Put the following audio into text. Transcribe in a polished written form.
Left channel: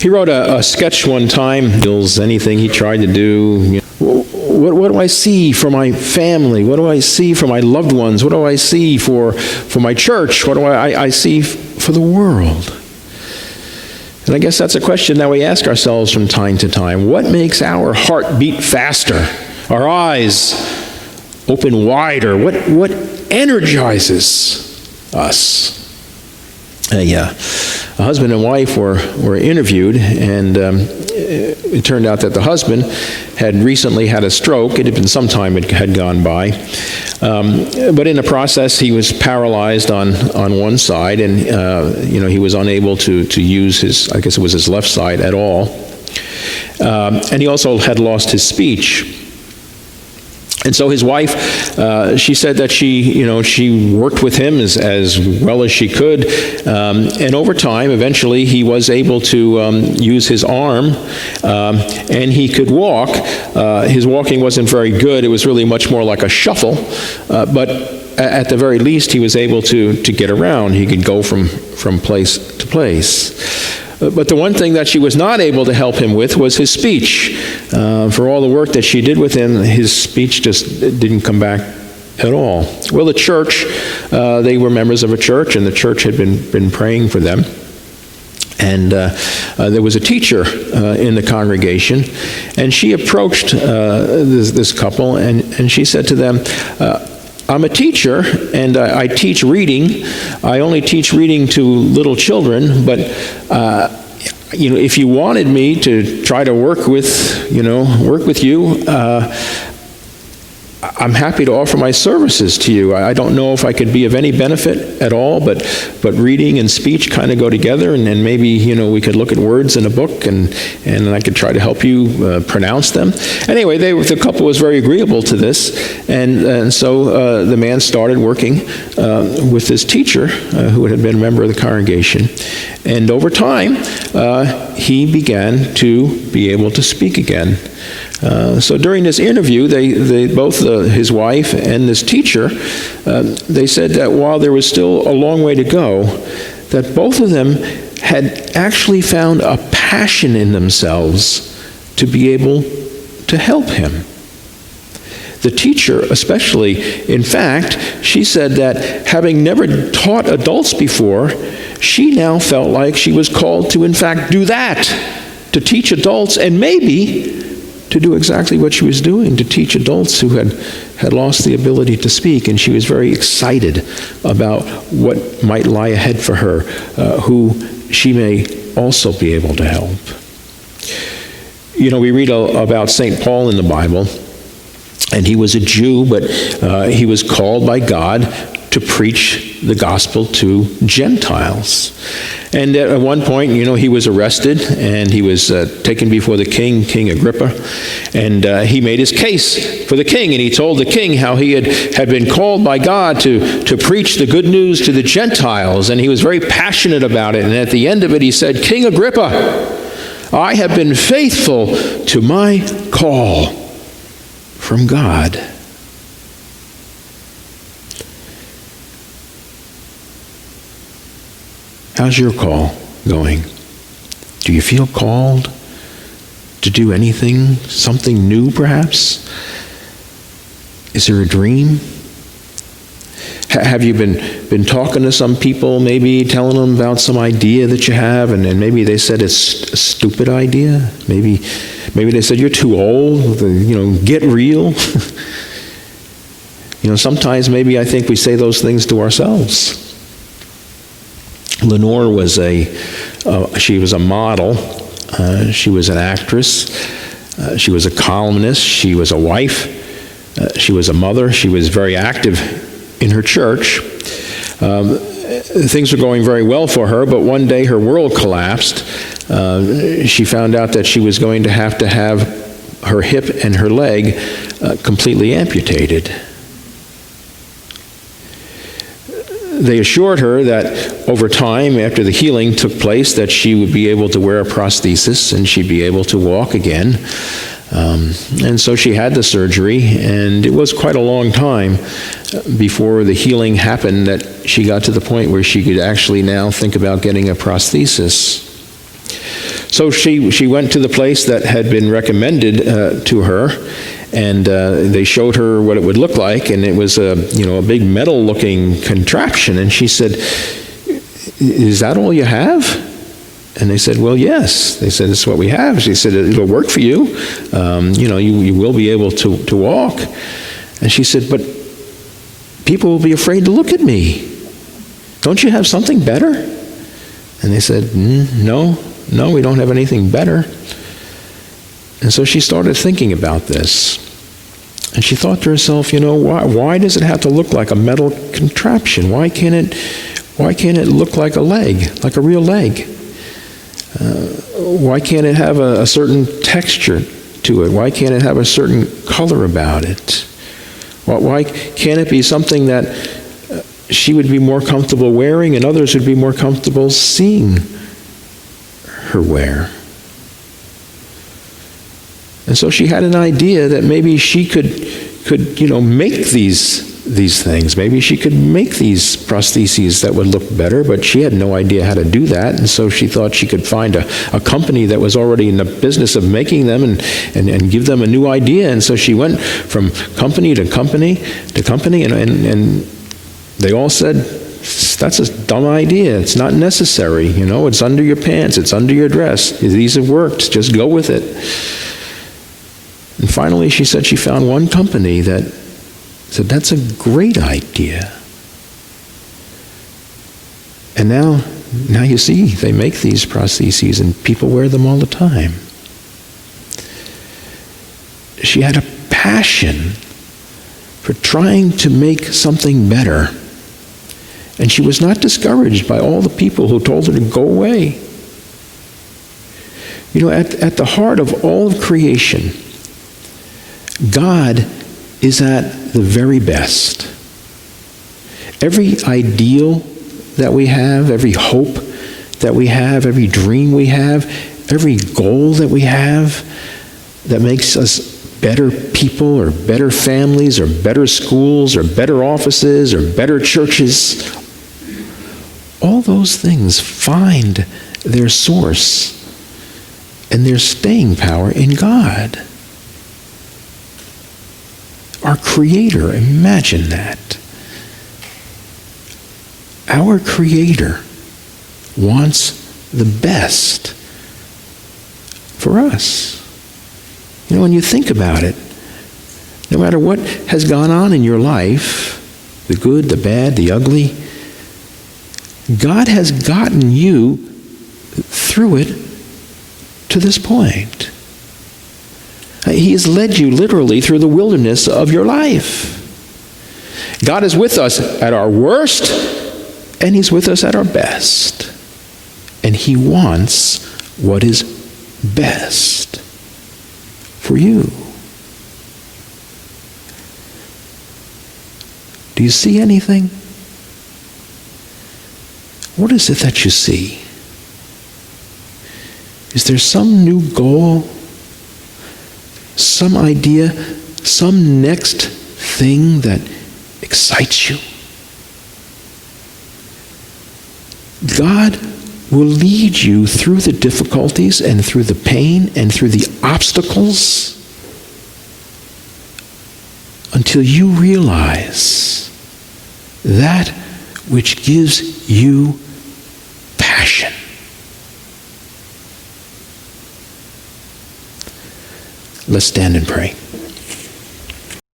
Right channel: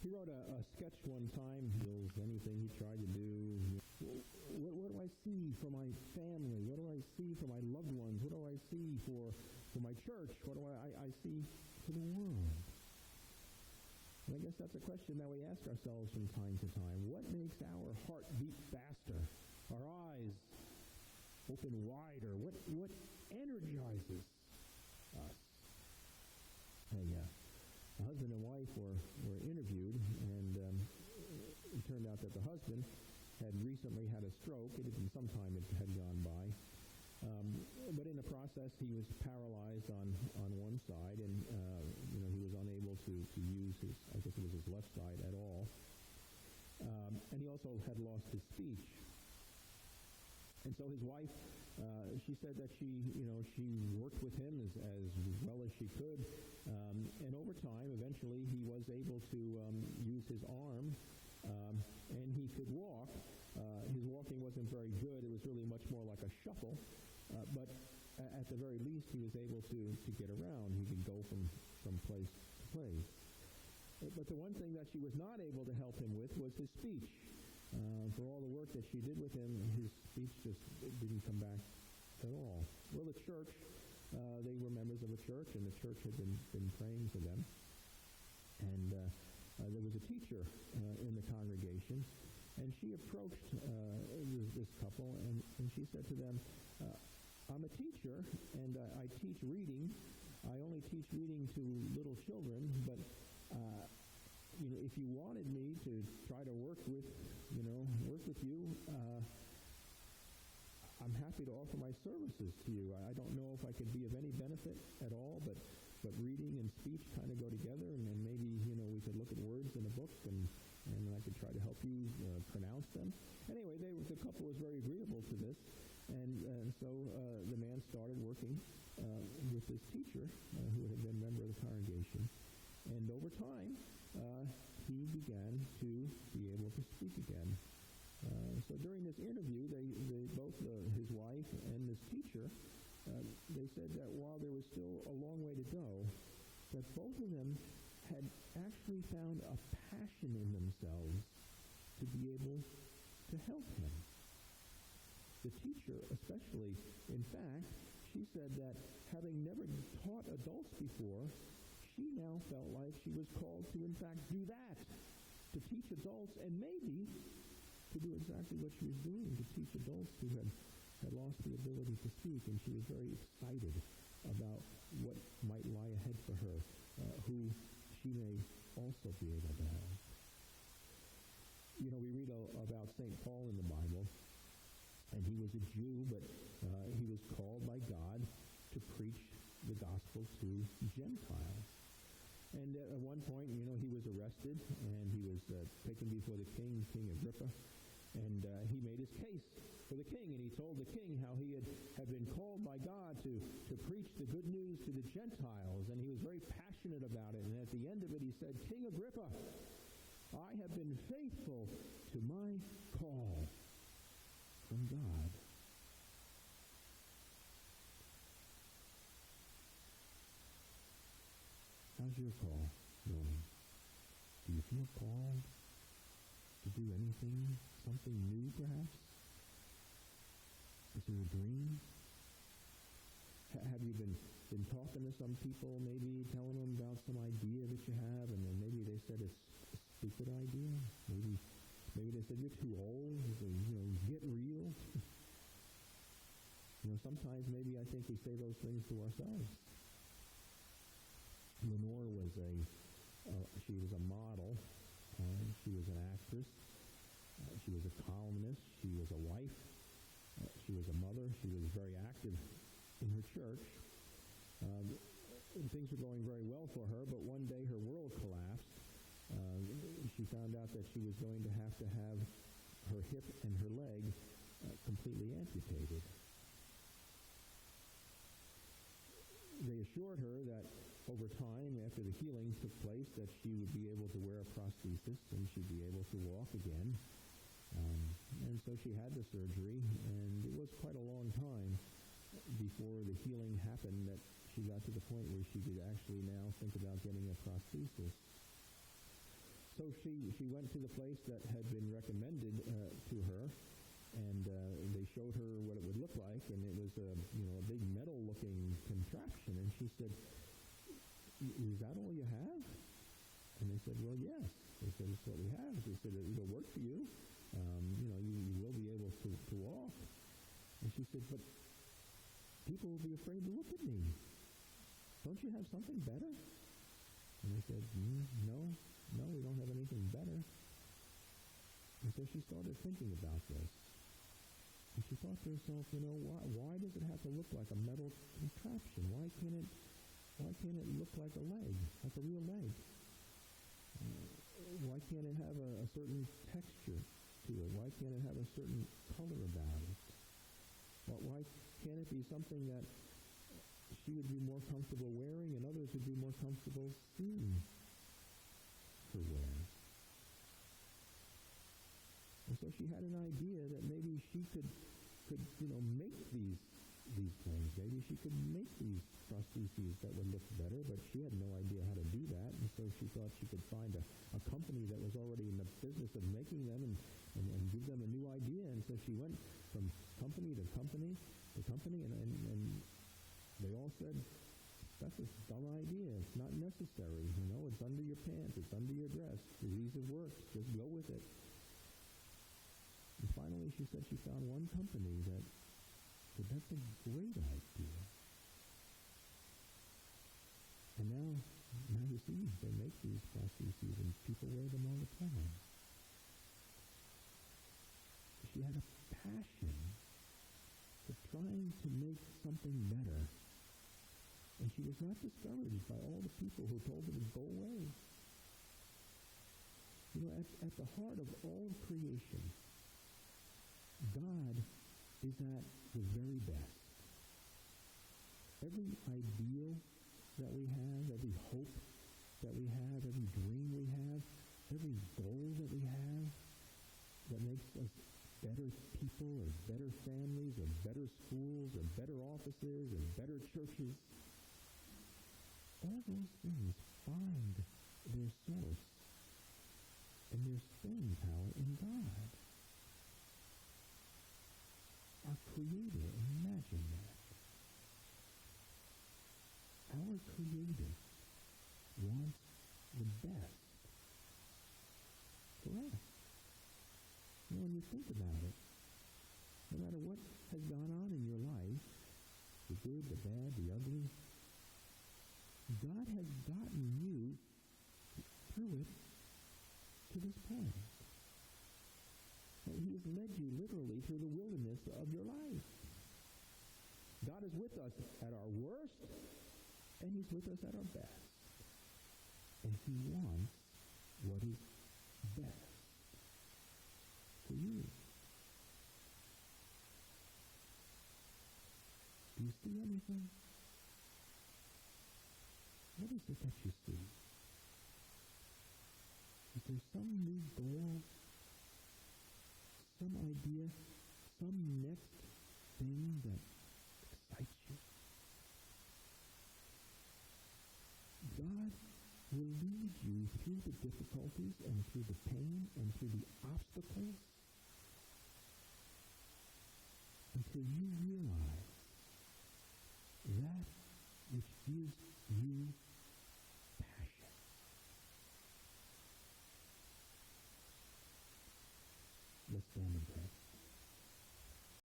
He wrote a sketch one time, anything he tried to do. What do I see for my family? What do I see for my loved ones? What do I see for my church? What do I see for the world? And I guess that's a question that we ask ourselves from time to time. What makes our heart beat faster? Our eyes open wider? What energizes us? A husband and wife were interviewed, and it turned out that the husband had recently had a stroke. It had been some time it had gone by. But in the process, he was paralyzed on one side, and he was unable to use his, I guess it was his left side at all. And he also had lost his speech. And so his wife, she said that she worked with him as well as she could. And over time, eventually, he was able to use his arm, and he could walk. His walking wasn't very good. It was really much more like a shuffle. But at the very least, he was able to get around. He could go from place to place. But the one thing that she was not able to help him with was his speech. For all the work that she did with him, his speech just didn't come back at all. Well, the church, they were members of a church, and the church had been praying for them. And there was a teacher in the congregation, and she approached this couple, and she said to them, I'm a teacher, and I teach reading. I only teach reading to little children, but if you wanted me to try to work with you, I'm happy to offer my services to you. I don't know if I could be of any benefit at all, but reading and speech kind of go together, and maybe we could look at words in a book, and I could try to help you pronounce them. Anyway, the couple was very agreeable to this, and so the man started working with this teacher who had been a member of the congregation, and over time he began to be able to speak again. So during this interview, they both his wife and this teacher, they said that while there was still a long way to go, that both of them had actually found a passion in themselves to be able to help him. The teacher especially, in fact, she said that having never taught adults before, she now felt like she was called to, in fact, do that, to teach adults, and maybe to do exactly what she was doing, to teach adults who had lost the ability to speak. And she was very excited about what might lie ahead for her, who she may also be able to help. We read about St. Paul in the Bible, and he was a Jew, but he was called by God to preach the gospel to Gentiles. And at one point, he was arrested, and he was taken before the king, King Agrippa, and he made his case for the king, and he told the king how he had been called by God to preach the good news to the Gentiles, and he was very passionate about it. And at the end of it, he said, King Agrippa, I have been faithful to my call from God. How's your call going? Do you feel called to do anything, something new perhaps? Is there a dream? Have you been talking to some people, maybe telling them about some idea that you have, and maybe they said it's a stupid idea? Maybe they said you're too old, get real. Sometimes maybe I think we say those things to ourselves. Lenore was she was a model. She was an actress. She was a columnist. She was a wife. She was a mother. She was very active in her church. Things were going very well for her, but one day her world collapsed. She found out that she was going to have her hip and her leg completely amputated. They assured her that over time, after the healing took place, that she would be able to wear a prosthesis and she'd be able to walk again. And so she had the surgery, and it was quite a long time before the healing happened that she got to the point where she could actually now think about getting a prosthesis. so she went to the place that had been recommended to her, and they showed her what it would look like, and it was a big metal-looking contraption. And she said, "Is that all you have?" And they said, "Well, yes." They said, "This is what we have." She said, "It'll work for you. You will be able to walk." And she said, "But people will be afraid to look at me. Don't you have something better?" And they said, No, we don't have anything better." And so she started thinking about this. And she thought to herself, why does it have to look like a metal contraption? Why can't it look like a leg, like a real leg? Why can't it have a certain texture to it? Why can't it have a certain color about it? Why can't it be something that she would be more comfortable wearing and others would be more comfortable seeing her wear? And so she had an idea that maybe she could make these things. Maybe she could make these prostheses that would look better, but she had no idea how to do that. And so she thought she could find a company that was already in the business of making them and give them a new idea. And so she went from company to company to company, and they all said, "That's a dumb idea. It's not necessary. It's under your pants. It's under your dress. These have worked. Just go with it." And finally, she said she found one company that said, "That's a great idea." And now you see, they make these prostheses and people wear them all the time. She had a passion for trying to make something better. And she was not discouraged by all the people who told her to go away. At the heart of all of creation, God is at the very best. Every ideal that we have, every hope that we have, every dream we have, every goal that we have that makes us better people or better families or better schools or better offices or better churches, all those things find their source and their staying power in God. Our Creator, imagine that. Our Creator wants the best for us. When you think about it, no matter what has gone on in your life, the good, the bad, the ugly, God has gotten you through it to this point. He has led you literally through the wilderness of your life. God is with us at our worst, and He's with us at our best. And He wants what is best for you. Do you see anything? What is it that you see? Is there some new goal? Some idea, some next thing that excites you? God will lead you through the difficulties and through the pain and through the obstacles until you realize that which gives you passion. Let's stand and pray.